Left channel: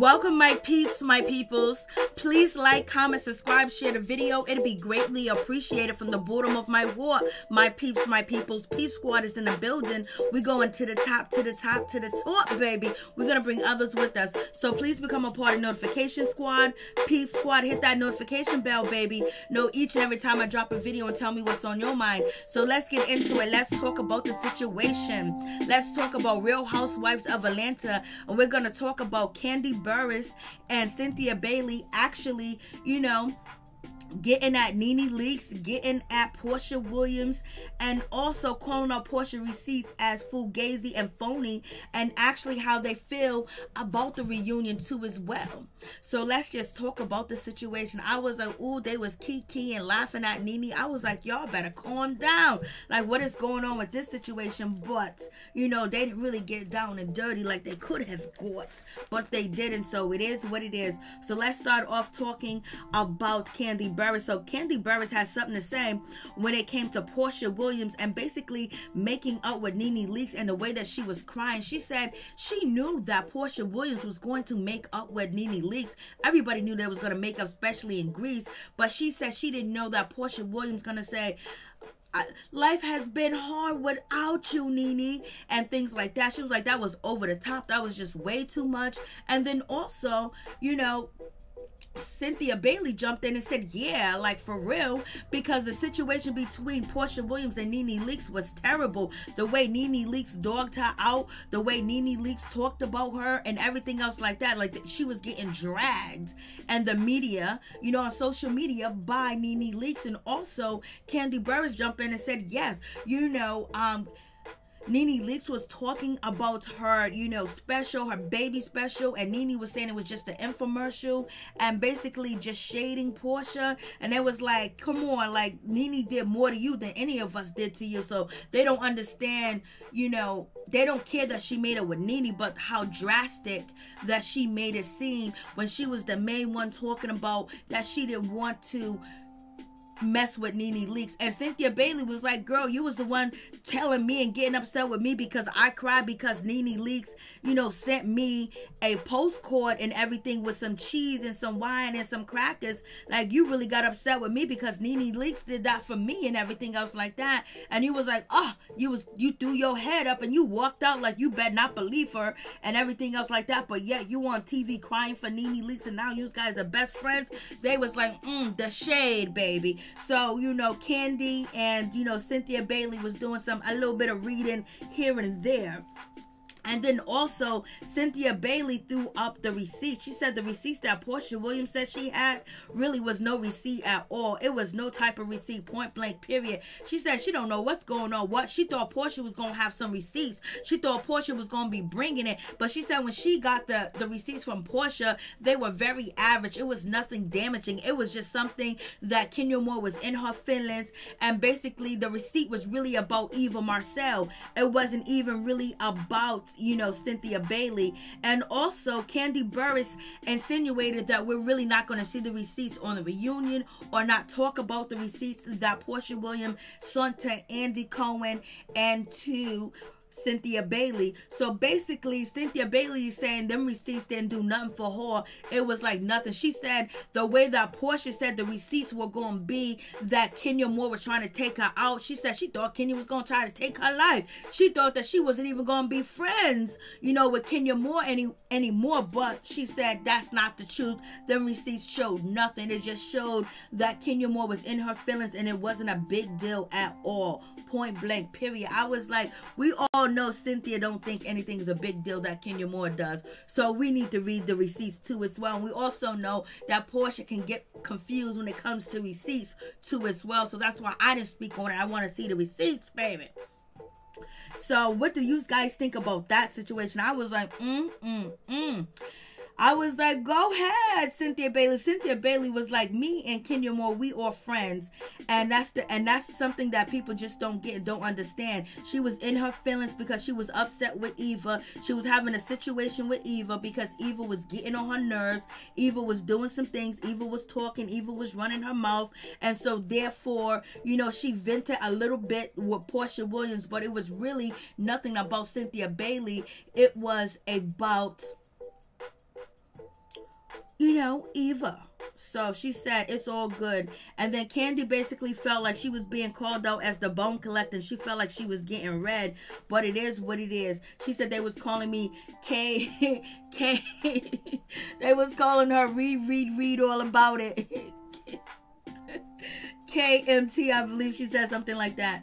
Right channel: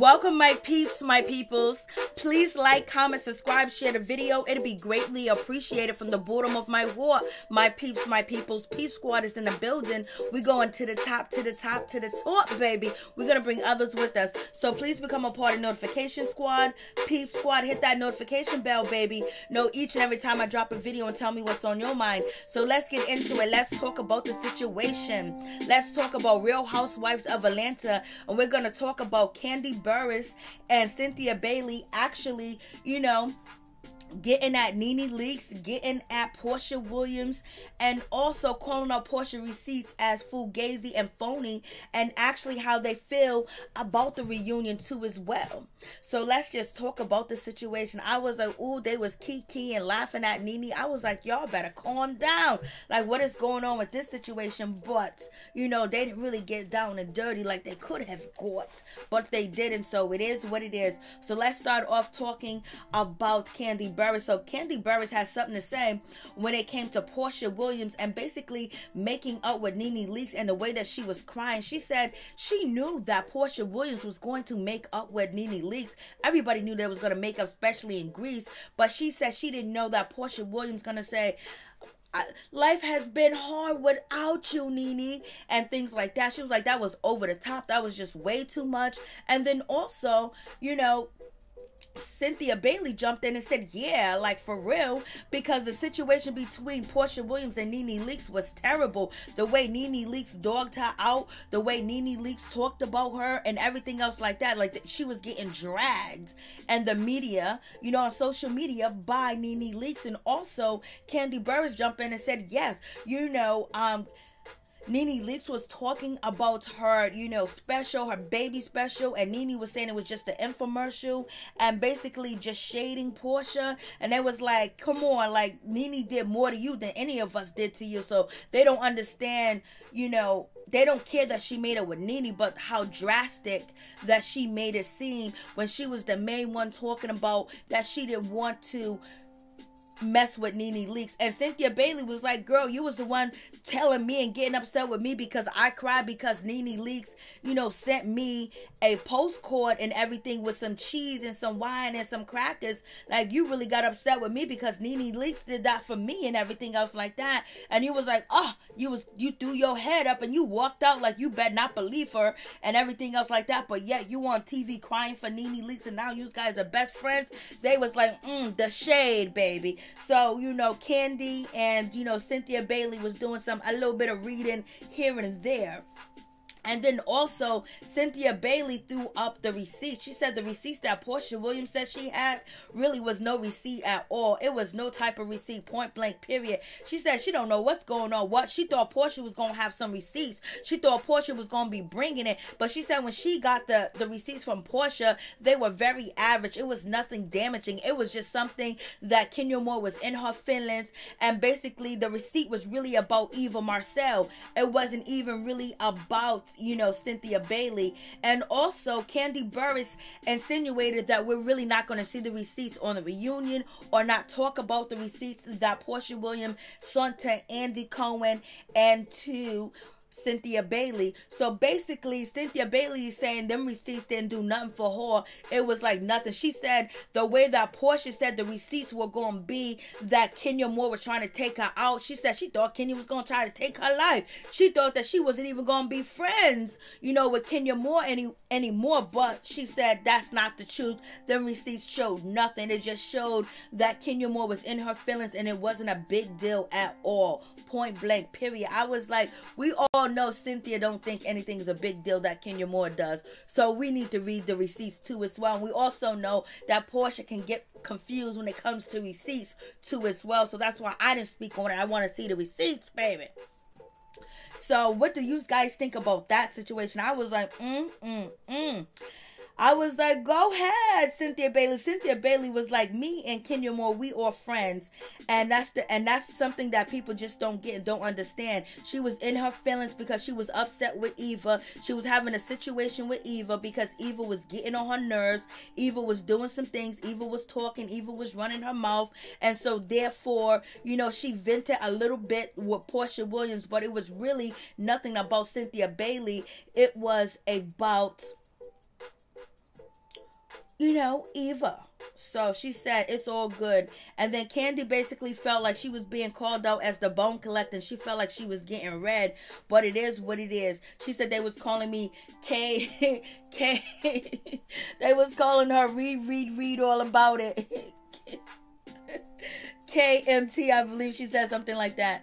Welcome my peeps, my peoples. Please like, comment, subscribe, share the video. It'll be greatly appreciated from the bottom of my heart. My peeps, my peoples. Peep Squad is in the building. We're going to the top, to the top, to the top, baby. We're going to bring others with us. So please become a part of Notification Squad. Peep Squad, hit that notification bell, baby. Know each and every time I drop a video and tell me what's on your mind. So let's get into it. Let's talk about the situation. Let's talk about Real Housewives of Atlanta. And we're going to talk about Kandi, Burruss, and Cynthia Bailey actually, getting at NeNe Leakes, getting at Porsha Williams, and also calling out Porsha receipts as fugazi and phony, and actually how they feel about the reunion too as well. So let's just talk about the situation. I was like, ooh, they was kiki and laughing at NeNe. I was like, y'all better calm down. Like, what is going on with this situation? But, they didn't really get down and dirty like they could have got, but they didn't. So it is what it is. So let's start off talking about Kandi Burruss. So Kandi Burruss has something to say when it came to Porsha Williams and basically making up with NeNe Leakes and the way that she was crying. She said she knew that Porsha Williams was going to make up with NeNe Leakes. Everybody knew they was going to make up, especially in Greece. But she said she didn't know that Porsha Williams going to say, life has been hard without you, NeNe, and things like that. She was like, that was over the top. That was just way too much. And then also, Cynthia Bailey jumped in and said, yeah, like for real, because the situation between Porsha Williams and NeNe Leakes was terrible. The way NeNe Leakes dogged her out, the way NeNe Leakes talked about her and everything else like that, like she was getting dragged and the media, on social media by NeNe Leakes. And also Kandi Burruss jumped in and said, yes, NeNe Leakes was talking about her, special, her baby special, and NeNe was saying it was just an infomercial and basically just shading Porsha. And they was like, come on, like NeNe did more to you than any of us did to you. So they don't understand, they don't care that she made it with NeNe, but how drastic that she made it seem when she was the main one talking about that she didn't want to mess with NeNe Leakes. And Cynthia Bailey was like, girl, you was the one telling me and getting upset with me because I cried because NeNe Leakes, sent me a postcard and everything with some cheese and some wine and some crackers. Like, you really got upset with me because NeNe Leakes did that for me and everything else like that. And you was like, oh, you threw your head up and you walked out like you better not believe her and everything else like that. But yet you on TV crying for NeNe Leakes and now you guys are best friends. They was like, the shade, baby. So, Kandi and, Cynthia Bailey was doing a little bit of reading here and there. And then also, Cynthia Bailey threw up the receipts. She said the receipts that Porsha Williams said she had really was no receipt at all. It was no type of receipt, point blank, period. She said she don't know what's going on. She thought Porsha was going to have some receipts. She thought Porsha was going to be bringing it. But she said when she got the receipts from Porsha, they were very average. It was nothing damaging. It was just something that Kenya Moore was in her feelings. And basically, the receipt was really about Eva Marcel. It wasn't even really about Cynthia Bailey. And also Kandi Burruss insinuated that we're really not going to see the receipts on the reunion or not talk about the receipts that Porsha Williams sent to Andy Cohen and to Cynthia Bailey. So basically, Cynthia Bailey is saying them receipts didn't do nothing for her. It was like nothing. She said the way that Porsha said the receipts were going to be that Kenya Moore was trying to take her out. She said she thought Kenya was going to try to take her life. She thought that she wasn't even going to be friends, with Kenya Moore anymore. But she said that's not the truth. The receipts showed nothing. It just showed that Kenya Moore was in her feelings and it wasn't a big deal at all. Point blank, period. I was like, we all know Cynthia don't think anything is a big deal that Kenya Moore does. So we need to read the receipts too as well. And we also know that Porsha can get confused when it comes to receipts too as well. So that's why I didn't speak on it. I want to see the receipts, baby. So what do you guys think about that situation? I was like, I was like, go ahead, Cynthia Bailey. Cynthia Bailey was like, me and Kenya Moore, we are friends. And that's something that people just don't get and don't understand. She was in her feelings because she was upset with Eva. She was having a situation with Eva because Eva was getting on her nerves. Eva was doing some things. Eva was talking. Eva was running her mouth. And so therefore, she vented a little bit with Porsha Williams, but it was really nothing about Cynthia Bailey. It was about Eva. So she said it's all good. And then Kandi basically felt like she was being called out as the bone collector, and she felt like she was getting red, but it is what it is. She said they was calling me K. They was calling her read all about it. KMT, I believe she said something like that.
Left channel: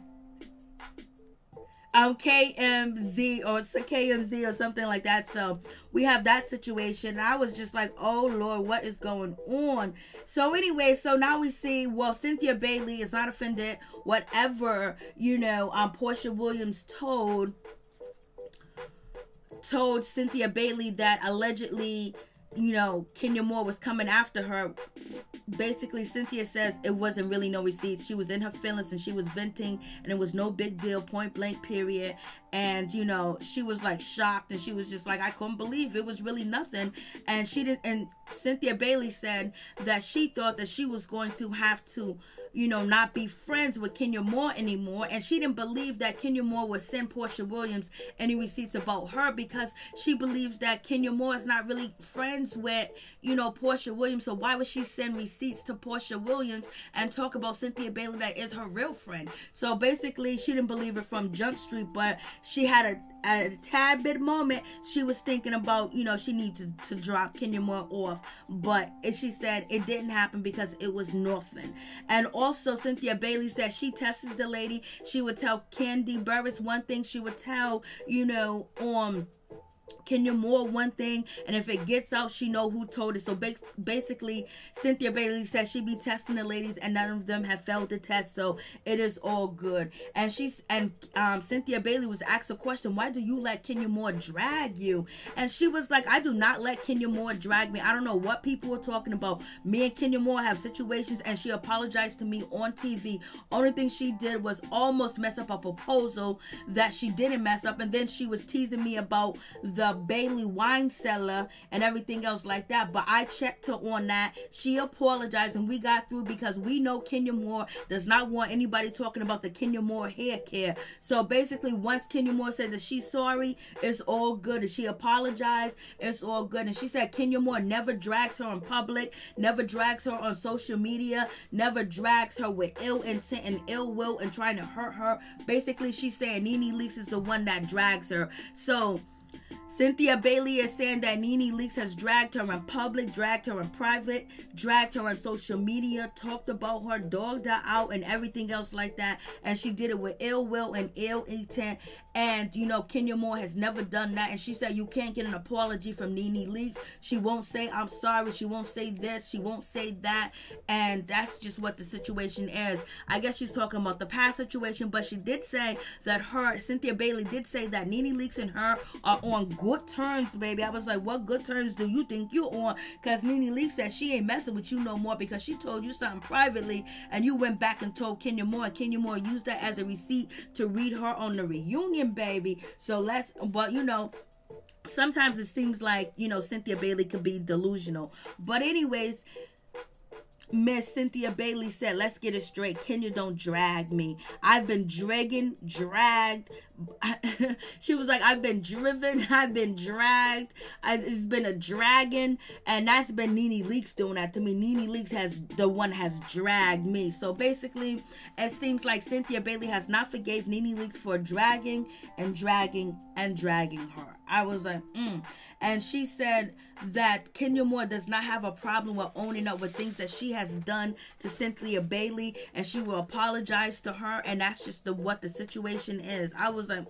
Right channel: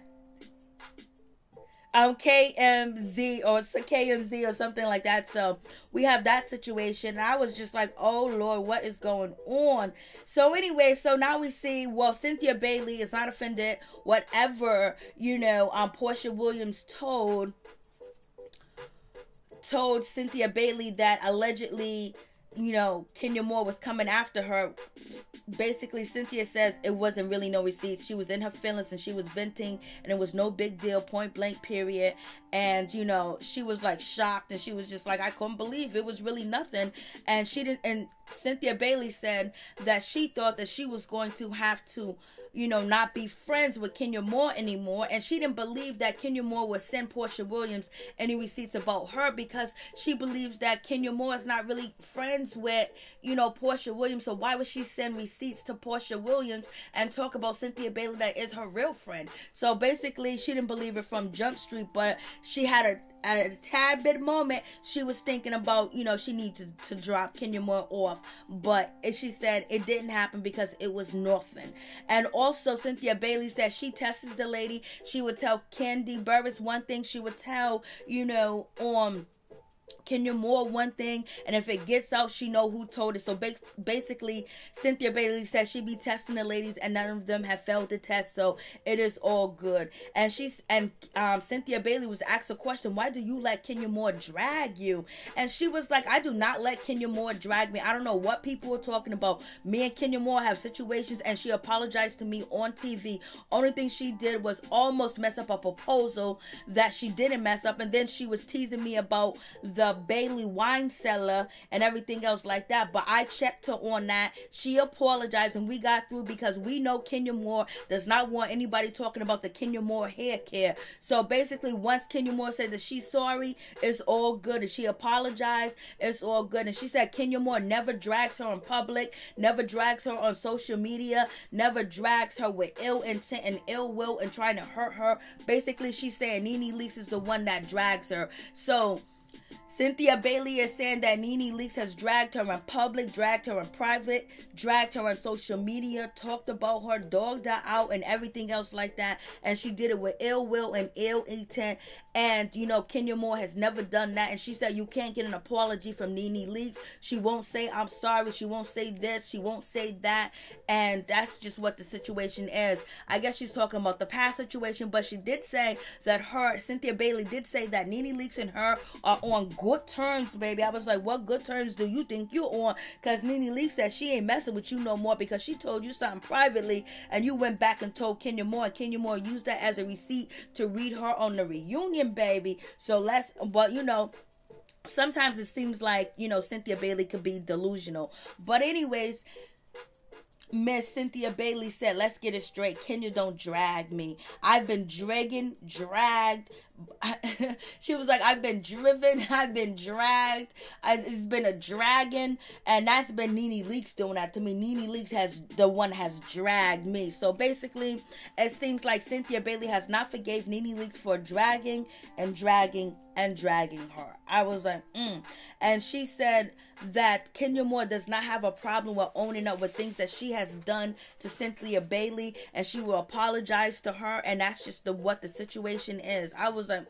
KMZ or something like that. So we have that situation. And I was just like, oh Lord, what is going on? So anyway, so now we see, well, Cynthia Bailey is not offended. Whatever, Porsha Williams told Cynthia Bailey that allegedly, Kenya Moore was coming after her. Basically, Cynthia says it wasn't really no receipts. She was in her feelings and she was venting, and it was no big deal, point blank, period. And she was like shocked, and she was just like, I couldn't believe it was really nothing. And she didn't. And Cynthia Bailey said that she thought that she was going to have to not be friends with Kenya Moore anymore. And she didn't believe that Kenya Moore would send Porsha Williams any receipts about her, because she believes that Kenya Moore is not really friends with, Porsha Williams. So why would she send receipts to Porsha Williams and talk about Cynthia Bailey that is her real friend? So basically, she didn't believe it from Jump Street, but she had a tad bit moment. She was thinking about, she needed to drop Kenya Moore off, but she said it didn't happen because it was nothing. And also, Cynthia Bailey said she tests the lady. She would tell Kandi Burruss one thing. She would tell, Kenya Moore one thing, and if it gets out, she know who told it. So basically, Cynthia Bailey says she be testing the ladies, and none of them have failed the test, so it is all good. And Cynthia Bailey was asked a question: why do you let Kenya Moore drag you? And she was like, I do not let Kenya Moore drag me. I don't know what people are talking about. Me and Kenya Moore have situations, and she apologized to me on TV. Only thing she did was almost mess up a proposal that she didn't mess up, and then she was teasing me about the Bailey wine cellar and everything else like that. But I checked her on that. She apologized, and we got through, because we know Kenya Moore does not want anybody talking about the Kenya Moore hair care. So basically, once Kenya Moore said that she's sorry, it's all good. And she apologized, it's all good. And she said Kenya Moore never drags her in public, never drags her on social media, never drags her with ill intent and ill will and trying to hurt her. Basically, she's saying NeNe Leakes is the one that drags her. So Cynthia Bailey is saying that NeNe Leakes has dragged her in public, dragged her in private, dragged her on social media, talked about her, dogged her out, and everything else like that. And she did it with ill will and ill intent. And, Kenya Moore has never done that. And she said you can't get an apology from NeNe Leakes. She won't say, I'm sorry. She won't say this. She won't say that. And that's just what the situation is. I guess she's talking about the past situation. But she did say that Cynthia Bailey did say that NeNe Leakes and her are on good terms, baby. I was like, what good terms do you think you're on? Because NeNe Leakes said she ain't messing with you no more, because she told you something privately, and you went back and told Kenya Moore, and Kenya Moore used that as a receipt to read her on the reunion, baby. So but sometimes it seems like, Cynthia Bailey could be delusional. But anyways, Miss Cynthia Bailey said, let's get it straight. Kenya don't drag me. I've been dragged. She was like, I've been driven. I've been dragged. It's been a dragon. And that's been NeNe Leakes doing that to me. NeNe Leakes has dragged me. So basically, it seems like Cynthia Bailey has not forgave NeNe Leakes for dragging her. I was like, And she said that Kenya Moore does not have a problem with owning up with things that she has done to Cynthia Bailey, and she will apologize to her, and that's just what the situation is. I was like,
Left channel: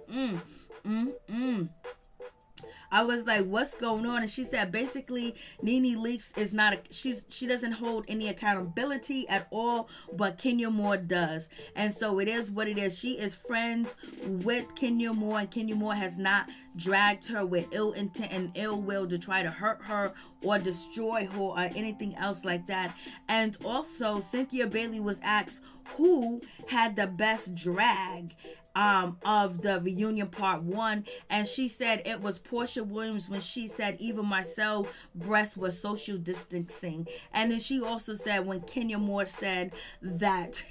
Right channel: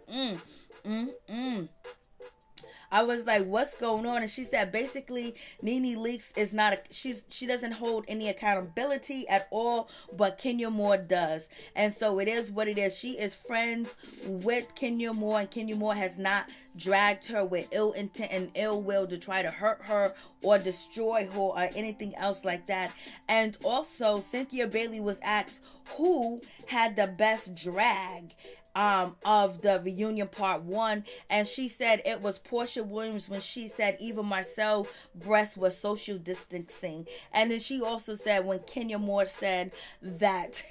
I was like, what's going on? And she said basically NeNe Leakes is not she doesn't hold any accountability at all, but Kenya Moore does. And so it is what it is. She is friends with Kenya Moore, and Kenya Moore has not dragged her with ill intent and ill will to try to hurt her or destroy her or anything else like that. And also, Cynthia Bailey was asked who had the best drag of the reunion part 1, and she said it was Porsha Williams when she said even myself breast was social distancing. And then she also said when Kenya Moore said that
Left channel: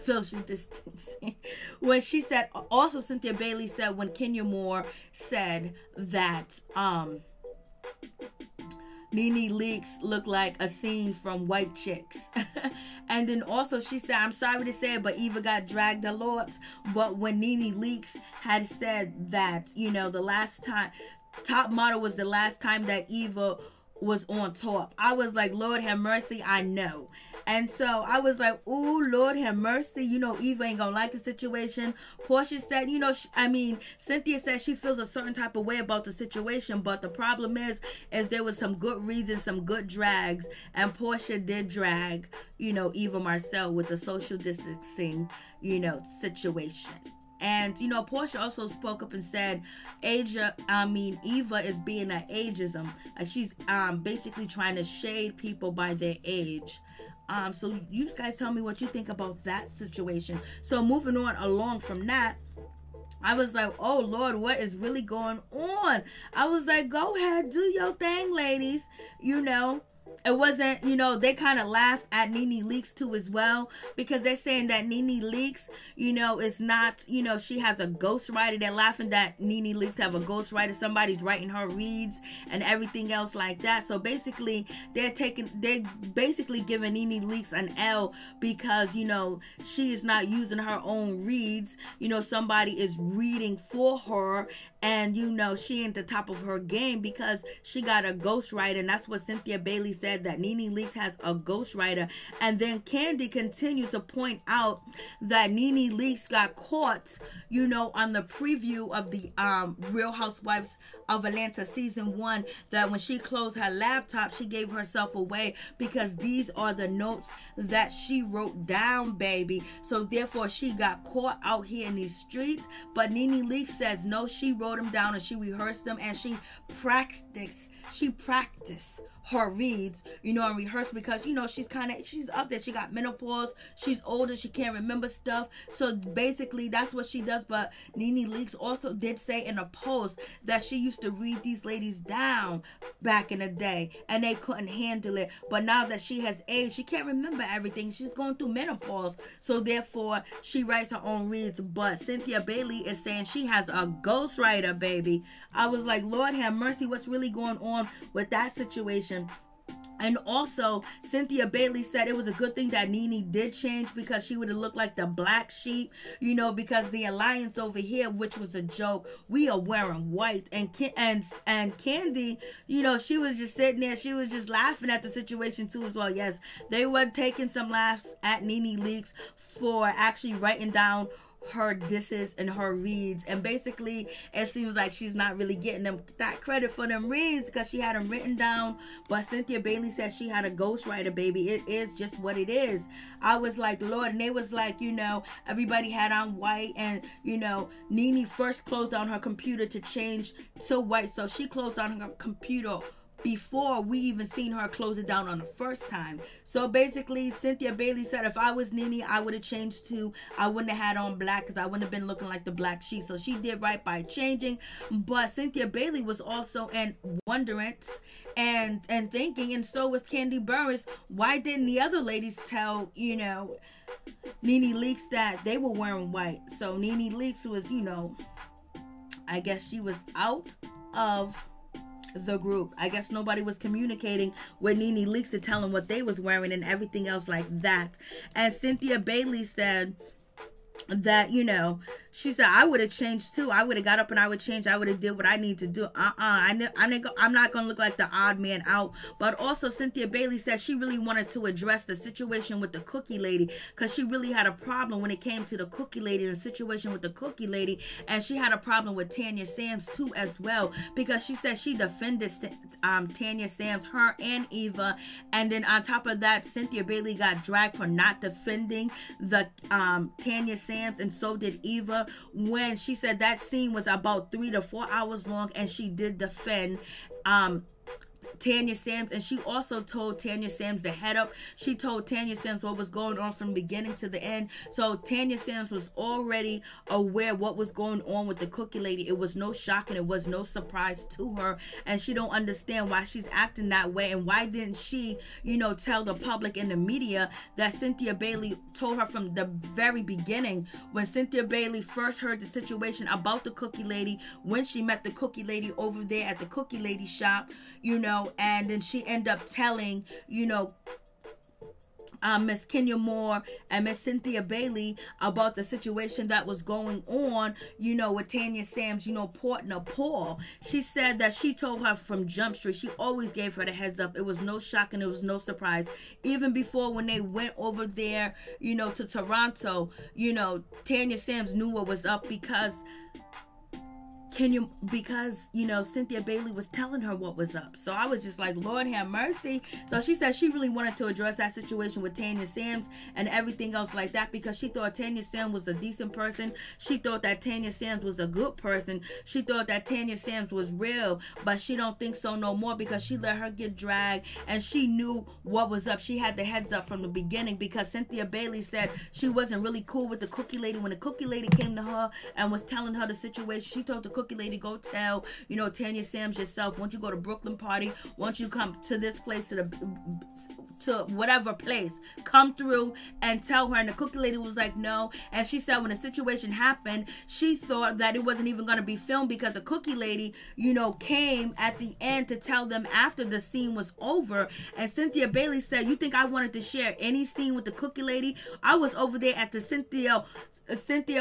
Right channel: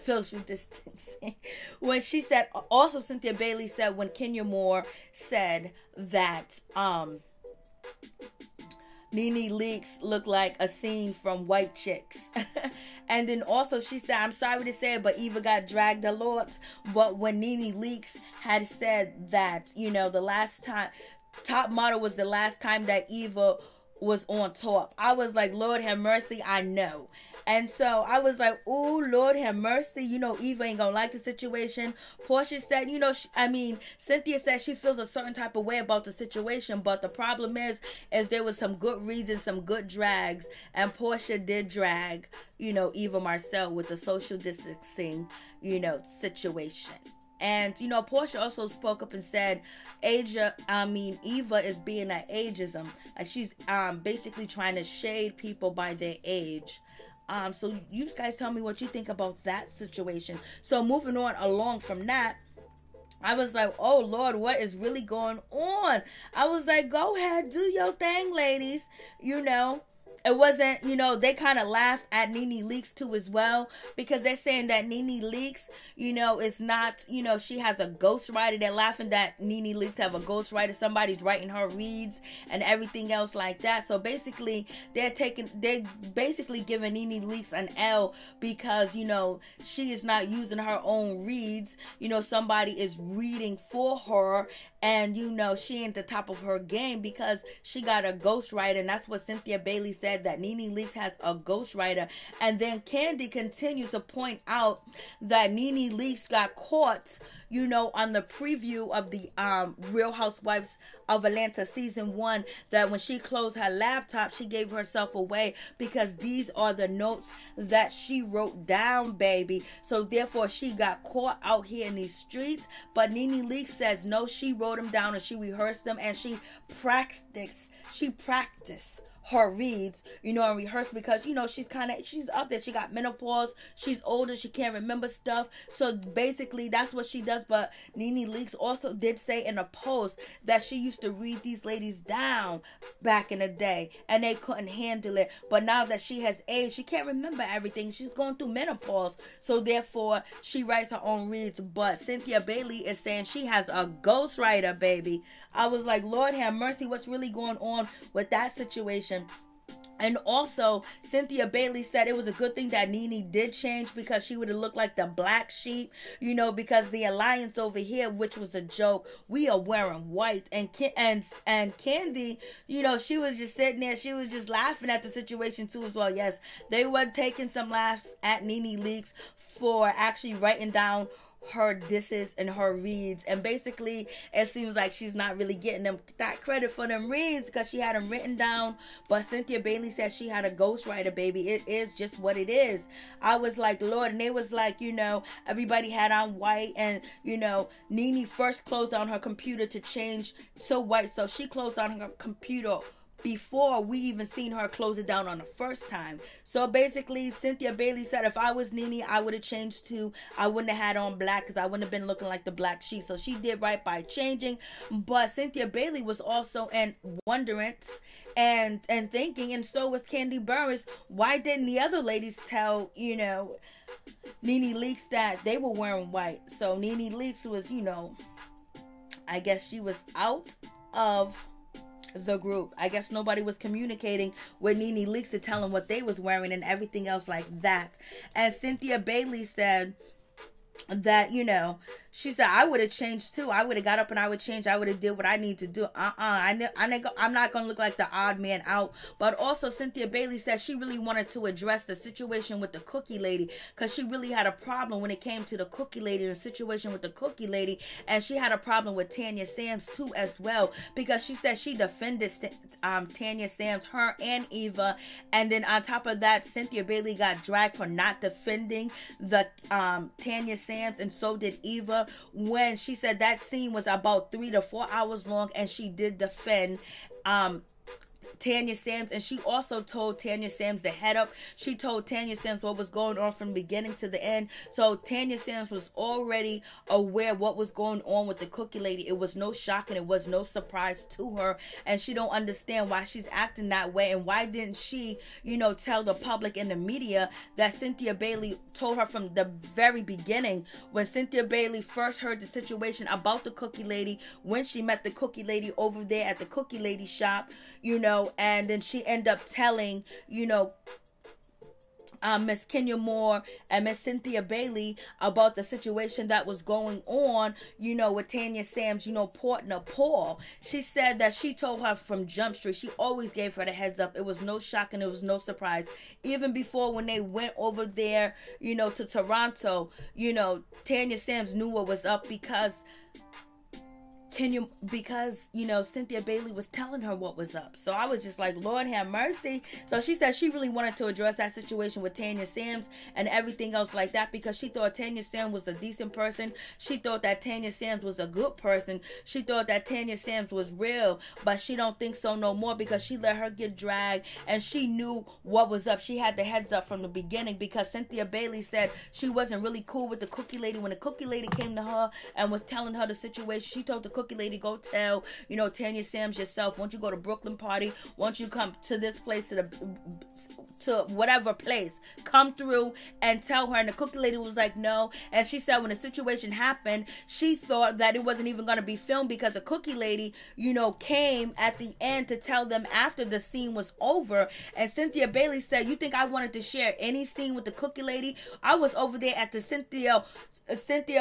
social distancing, when she said, also Cynthia Bailey said when Kenya Moore said that NeNe Leakes looked like a scene from White Chicks. And then also she said, I'm sorry to say it, but Eva got dragged a lot. But when NeNe Leakes had said that, you know, the last time, Top Model was the last time that Eva was on top, I was like, Lord have mercy, I know. And so I was like, oh, Lord have mercy. You know, Eva ain't gonna like the situation. Porsha said, you know, Cynthia said she feels a certain type of way about the situation. But the problem is there was some good reasons, some good drags. And Porsha did drag, you know, Eva Marcel with the social distancing, you know, situation. And, you know, Porsha also spoke up and said, Eva is being an ageism. Like, she's basically trying to shade people by their age. So you guys tell me what you think about that situation. So moving on along from that, I was like, oh, Lord, what is really going on? I was like, go ahead, do your thing, ladies. You know, it wasn't, you know, they kind of laughed at NeNe Leakes too as well, because they're saying that NeNe Leakes, you know, is not, you know, she has a ghostwriter. They're laughing that NeNe Leakes have a ghostwriter. Somebody's writing her reads and everything else like that. So basically, they're basically giving NeNe Leakes an L because, you know, she is not using her own reads. You know, somebody is reading for her. And, you know, she ain't the top of her game because she got a ghostwriter. And that's what Cynthia Bailey said, that NeNe Leakes has a ghostwriter. And then Kandi continued to point out that NeNe Leakes got caught, you know, on the preview of the Real Housewives of Atlanta season 1, that when she closed her laptop, she gave herself away because these are the notes that she wrote down, baby. So therefore, she got caught out here in these streets. But NeNe Leakes says no, she wrote them down and she rehearsed them and she practiced her reads, you know, and rehearsed because, you know, she's up there. She got menopause. She's older. She can't remember stuff. So basically, that's what she does. But NeNe Leakes also did say in a post that she used to read these ladies down back in the day and they couldn't handle it. But now that she has aged, she can't remember everything. She's going through menopause. So therefore, she writes her own reads. But Cynthia Bailey is saying she has a ghostwriter, baby. I was like, Lord have mercy, what's really going on with that situation? And also, Cynthia Bailey said it was a good thing that NeNe did change because she would have looked like the black sheep, you know, because the alliance over here, which was a joke, we are wearing white. And Kandi, you know, she was just sitting there. She was just laughing at the situation too as well. Yes, they were taking some laughs at NeNe Leakes for actually writing down her disses and her reads, and basically it seems like she's not really getting them that credit for them reads because she had them written down. But Cynthia Bailey said she had a ghostwriter, baby. It is just what it is. I was like, Lord, and they was like, you know, everybody had on white, and you know, NeNe first closed down her computer to change to white, so she closed down her computer before we even seen her close it down on the first time. So basically, Cynthia Bailey said if I was NeNe, I would have changed too. I wouldn't have had on black because I wouldn't have been looking like the black sheep. So she did right by changing. But Cynthia Bailey was also in wonderance and thinking, and so was Kandi Burruss. Why didn't the other ladies tell, you know, NeNe Leakes that they were wearing white? So NeNe Leakes was, you know, I guess she was out of the group. I guess nobody was communicating with NeNe Leakes to tell them what they was wearing and everything else like that. And Cynthia Bailey said that, you know, she said, I would have changed too. I would have got up and I would change. I would have did what I need to do. I'm not going to look like the odd man out. But also Cynthia Bailey said she really wanted to address the situation with the cookie lady because she really had a problem when it came to the cookie lady, the situation with the cookie lady. And she had a problem with Tanya Sams too as well, because she said she defended Tanya Sams, her and Eva. And then on top of that, Cynthia Bailey got dragged for not defending the Tanya Sams, and so did Eva, when she said that scene was about 3 to 4 hours long, and she did defend Tanya Sams. And she also told Tanya Sams to head up. She told Tanya Sams what was going on from beginning to the end. So Tanya Sams was already aware what was going on with the cookie lady. It was no shock and it was no surprise to her, and she don't understand why she's acting that way. And why didn't she, you know, tell the public and the media that Cynthia Bailey told her from the very beginning, when Cynthia Bailey first heard the situation about the cookie lady, when she met the cookie lady over there at the cookie lady shop, you know, and then she ended up telling, Miss Kenya Moore and Miss Cynthia Bailey about the situation that was going on, with Tanya Sam's, partner, Paul. She said that she told her from Jump Street, she always gave her the heads up. It was no shock and it was no surprise. Even before when they went over there, to Toronto, Tanya Sam's knew what was up because Cynthia Bailey was telling her what was up. So I was just like, Lord have mercy. So she said she really wanted to address that situation with Tanya Sams and everything else like that, because she thought Tanya Sams was a decent person. She thought that Tanya Sams was a good person. She thought that Tanya Sams was real, but she don't think so no more, because she let her get dragged and she knew what was up. She had the heads up from the beginning, because Cynthia Bailey said she wasn't really cool with the cookie lady. When the cookie lady came to her and was telling her the situation, she told the cookie lady, go tell, Tanya Sams yourself. Once you go to Brooklyn party, once you come to this place, to whatever place, come through and tell her. And the cookie lady was like, no. And she said when the situation happened, she thought that it wasn't even going to be filmed, because the cookie lady, came at the end to tell them after the scene was over. And Cynthia Bailey said, you think I wanted to share any scene with the cookie lady? I was over there at the Cynthia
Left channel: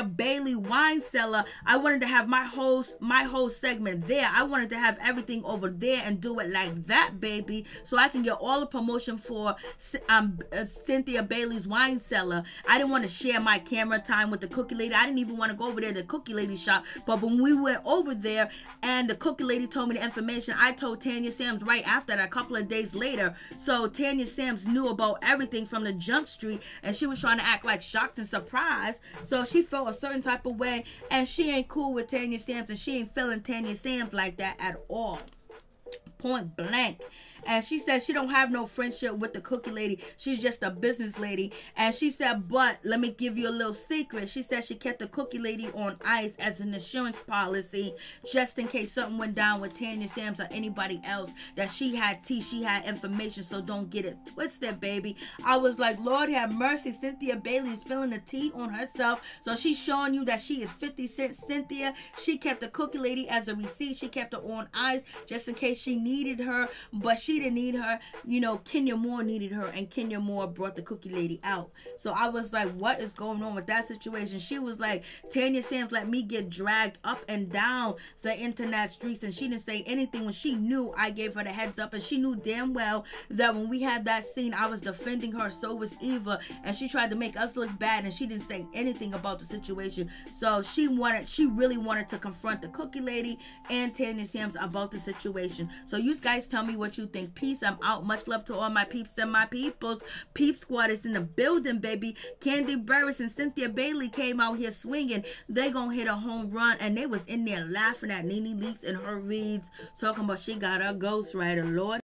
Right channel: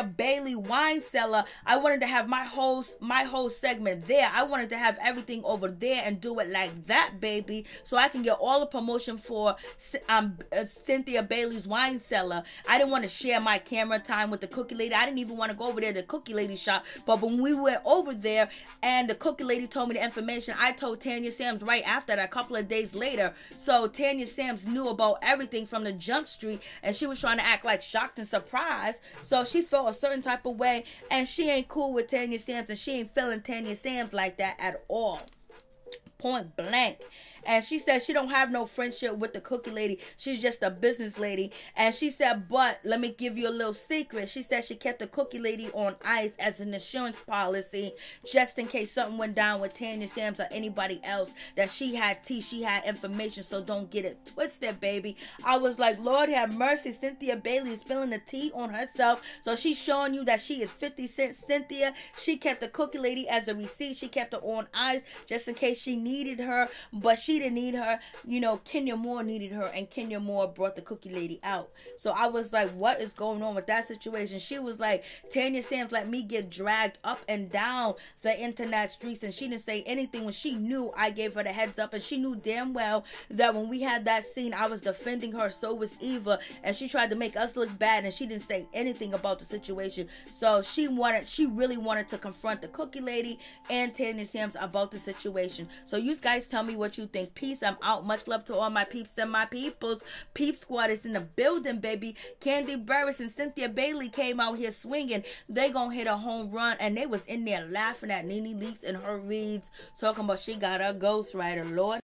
Bailey wine cellar. I wanted to have my whole segment there. I wanted to have everything over there and do it like that, baby, so I can get all the promotion for Cynthia Bailey's wine cellar. I didn't want to share my camera time with the cookie lady. I didn't even want to go over there to the cookie lady shop. But when we went over there and the cookie lady told me the information, I told Tanya Sams right after that, a couple of days later. So Tanya Sams knew about everything from the Jump Street, and she was trying to act like shocked and surprised. So she felt a certain type of way, and she ain't cool with Tanya Sams, and she ain't feeling Tanya Sams like that at all. Point blank. And she said she don't have no friendship with the cookie lady. She's just a business lady. And she said, but let me give you a little secret. She said she kept the cookie lady on ice as an insurance policy, just in case something went down with Tanya Sams or anybody else, that she had tea, she had information. So don't get it twisted, baby. I was like, Lord have mercy. Cynthia Bailey is spilling the tea on herself. So she's showing you that she is 50 Cent Cynthia. She kept the cookie lady as a receipt. She kept her on ice just in case she needed her, but she didn't need her. Kenya Moore needed her, and Kenya Moore brought the cookie lady out. So I was like, what is going on with that situation? She was like, Tanya Sams let me get dragged up and down the internet streets, and she didn't say anything when she knew I gave her the heads up, and she knew damn well that when we had that scene, I was defending her. So was Eva, and she tried to make us look bad, and she didn't say anything about the situation. So she really wanted to confront the cookie lady and Tanya Sams about the situation. So you guys tell me what you think. Peace. I'm out. Much love to all my peeps and my peoples. Peep Squad is in the building, baby. Kandi, Burruss, and Cynthia Bailey came out here swinging. They gonna hit a home run, and they was in there laughing at NeNe Leakes and her reads, talking about she got a ghostwriter. Lord